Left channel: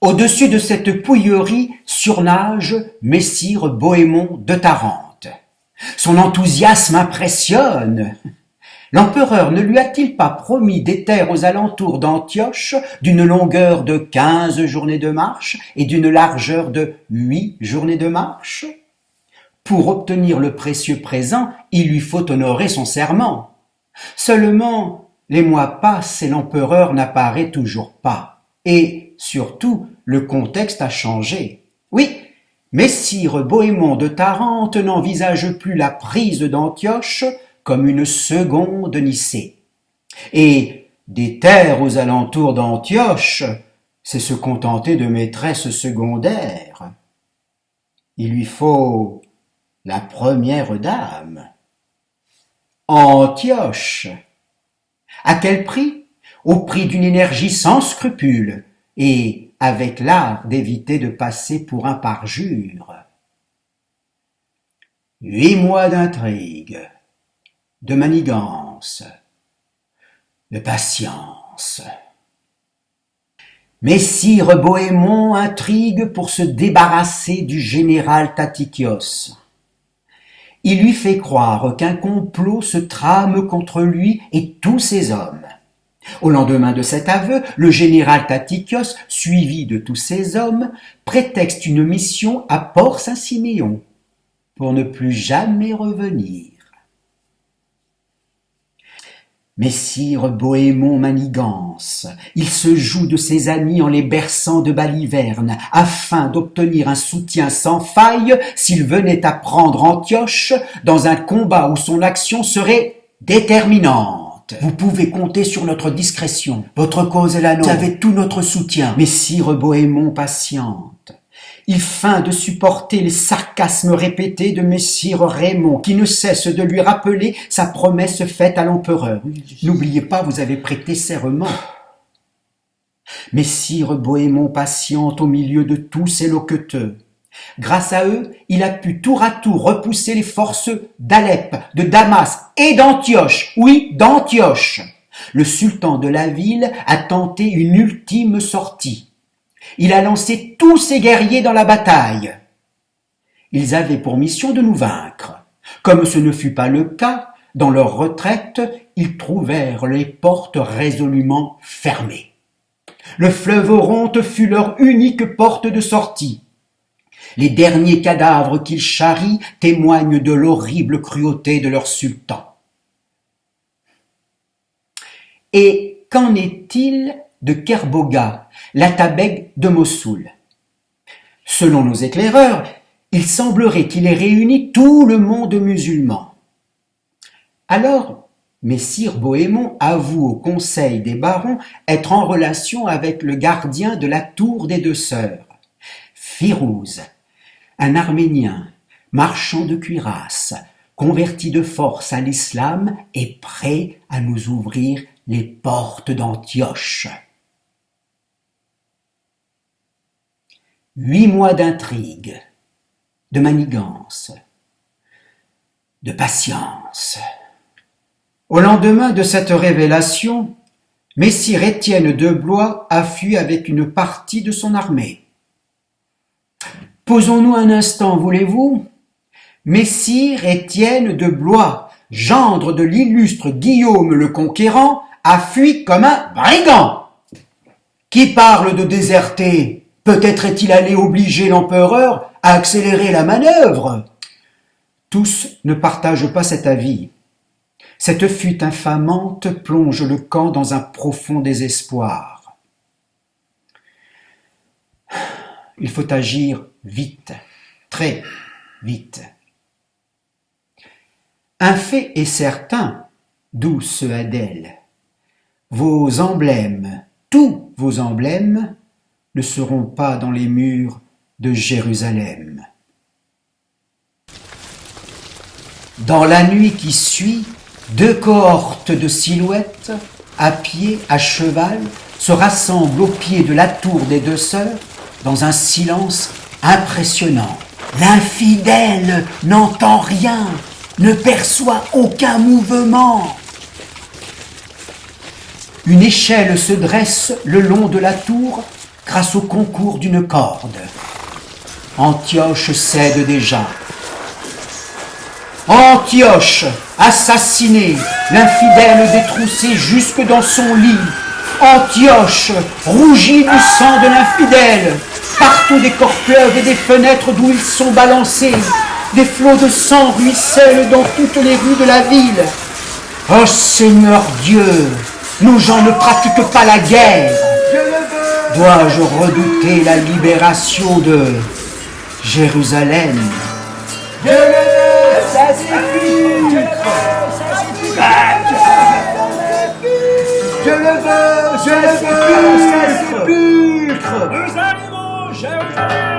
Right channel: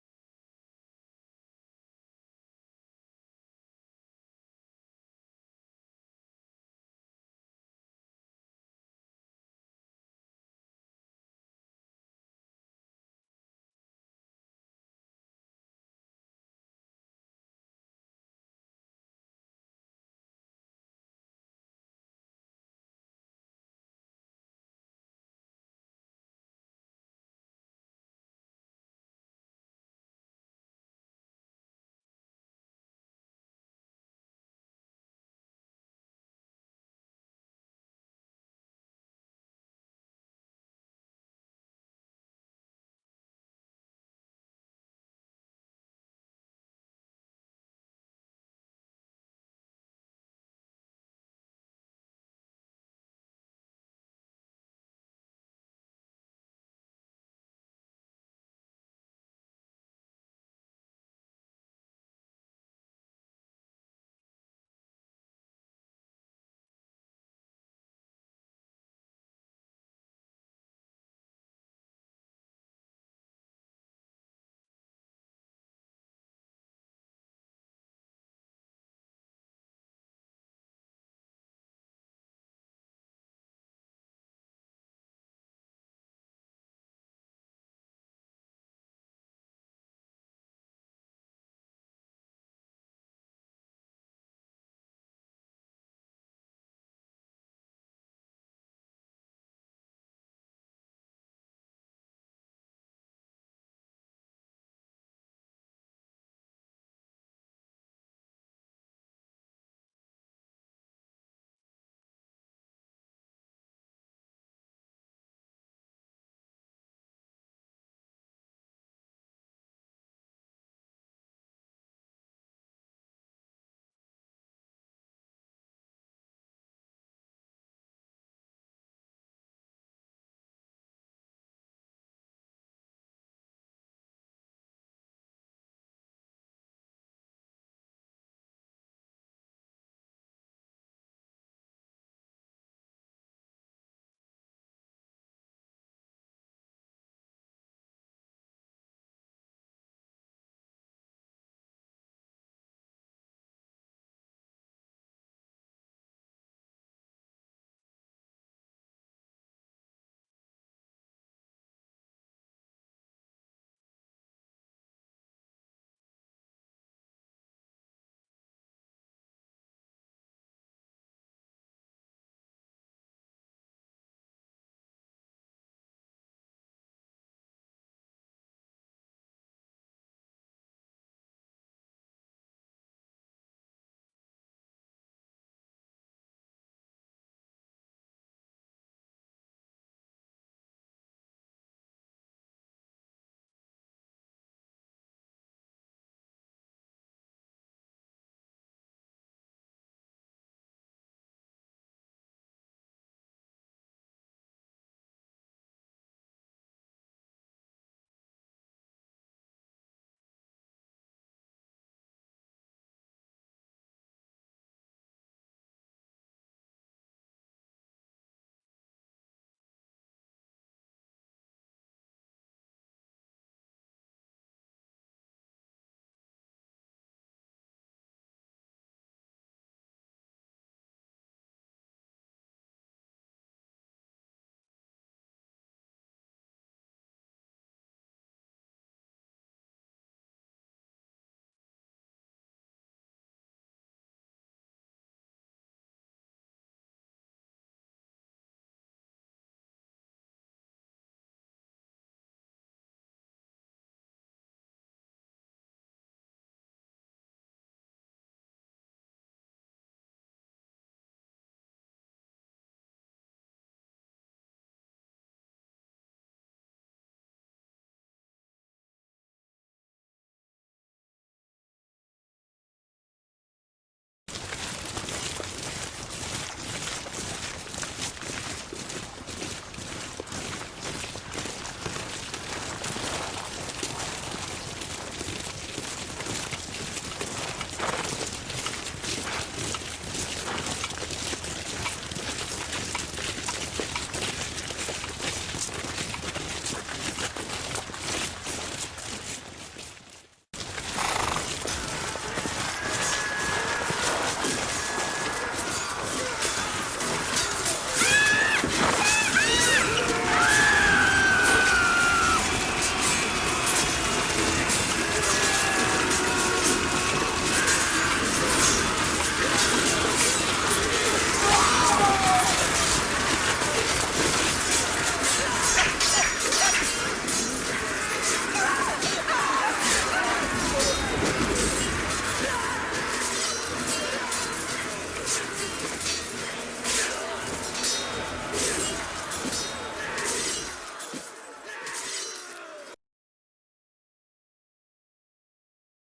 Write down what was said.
Au-dessus de cette pouillerie surnage Messire Bohémond de Tarente. Son enthousiasme impressionne. L'empereur ne lui a-t-il pas promis des terres aux alentours d'Antioche d'une longueur de 15 journées de marche et d'une largeur de 8 journées de marche? Pour obtenir le précieux présent, il lui faut honorer son serment. Seulement, les mois passent et l'empereur n'apparaît toujours pas. Et, surtout, le contexte a changé. Oui, Messire Bohémond de Tarente n'envisage plus la prise d'Antioche comme une seconde Nicée. Et des terres aux alentours d'Antioche, c'est se contenter de maîtresses secondaires. Il lui faut la première dame. Antioche. À quel prix? Au prix d'une énergie sans scrupule et avec l'art d'éviter de passer pour un parjure. 8 mois d'intrigue, de manigance, de patience. Messire Bohémond intrigue pour se débarrasser du général Tatikios. Il lui fait croire qu'un complot se trame contre lui et tous ses hommes. Au lendemain de cet aveu, le général Tatikios, suivi de tous ses hommes, prétexte une mission à Port-Saint-Siméon pour ne plus jamais revenir. Messire Bohémond manigance, il se joue de ses amis en les berçant de balivernes, afin d'obtenir un soutien sans faille s'il venait à prendre Antioche dans un combat où son action serait déterminante. Vous pouvez compter sur notre discrétion, votre cause est la nôtre, vous avez tout notre soutien. Messire Bohémond patiente. Il feint de supporter les sarcasmes répétés de Messire Raymond, qui ne cesse de lui rappeler sa promesse faite à l'empereur. N'oubliez pas, vous avez prêté serment. Messire Bohémond patiente au milieu de tous ces loqueteux. Grâce à eux, il a pu tour à tour repousser les forces d'Alep, de Damas et d'Antioche. Oui, d'Antioche. Le sultan de la ville a tenté une ultime sortie. Il a lancé tous ses guerriers dans la bataille. Ils avaient pour mission de nous vaincre. Comme ce ne fut pas le cas, dans leur retraite, ils trouvèrent les portes résolument fermées. Le fleuve Oronte fut leur unique porte de sortie. Les derniers cadavres qu'ils charrient témoignent de l'horrible cruauté de leur sultan. Et qu'en est-il de Kerboga, l'atabeg de Mossoul? Selon nos éclaireurs, il semblerait qu'il ait réuni tout le monde musulman. Alors, Messire Bohémond avoue au conseil des barons être en relation avec le gardien de la tour des deux sœurs, Firouz, un Arménien, marchand de cuirasses, converti de force à l'islam et prêt à nous ouvrir les portes d'Antioche. 8 mois d'intrigue, de manigance, de patience. Au lendemain de cette révélation, Messire Étienne de Blois a fui avec une partie de son armée. Posons-nous un instant, voulez-vous? Messire Étienne de Blois, gendre de l'illustre Guillaume le Conquérant, a fui comme un brigand. Qui parle de déserter? Peut-être est-il allé obliger l'empereur à accélérer la manœuvre. Tous ne partagent pas cet avis. Cette fuite infamante plonge le camp dans un profond désespoir. Il faut agir vite, très vite. Un fait est certain, douce Adèle. Vos emblèmes, tous vos emblèmes, ne seront pas dans les murs de Jérusalem. Dans la nuit qui suit, 2 cohortes de silhouettes, à pied, à cheval, se rassemblent au pied de la tour des deux sœurs dans un silence impressionnant. L'infidèle n'entend rien, ne perçoit aucun mouvement. Une échelle se dresse le long de la tour, grâce au concours d'une corde. Antioche cède déjà. Antioche, assassiné, l'infidèle détroussé jusque dans son lit. Antioche, rougi du sang de l'infidèle. Partout des corps pleuvent et des fenêtres d'où ils sont balancés. Des flots de sang ruissellent dans toutes les rues de la ville. Oh Seigneur Dieu, nos gens ne pratiquent pas la guerre. Dois-je redouter la libération de Jérusalem? Ça suffit! Je le veux! Ça suffit! Nous arrivons, Jérusalem!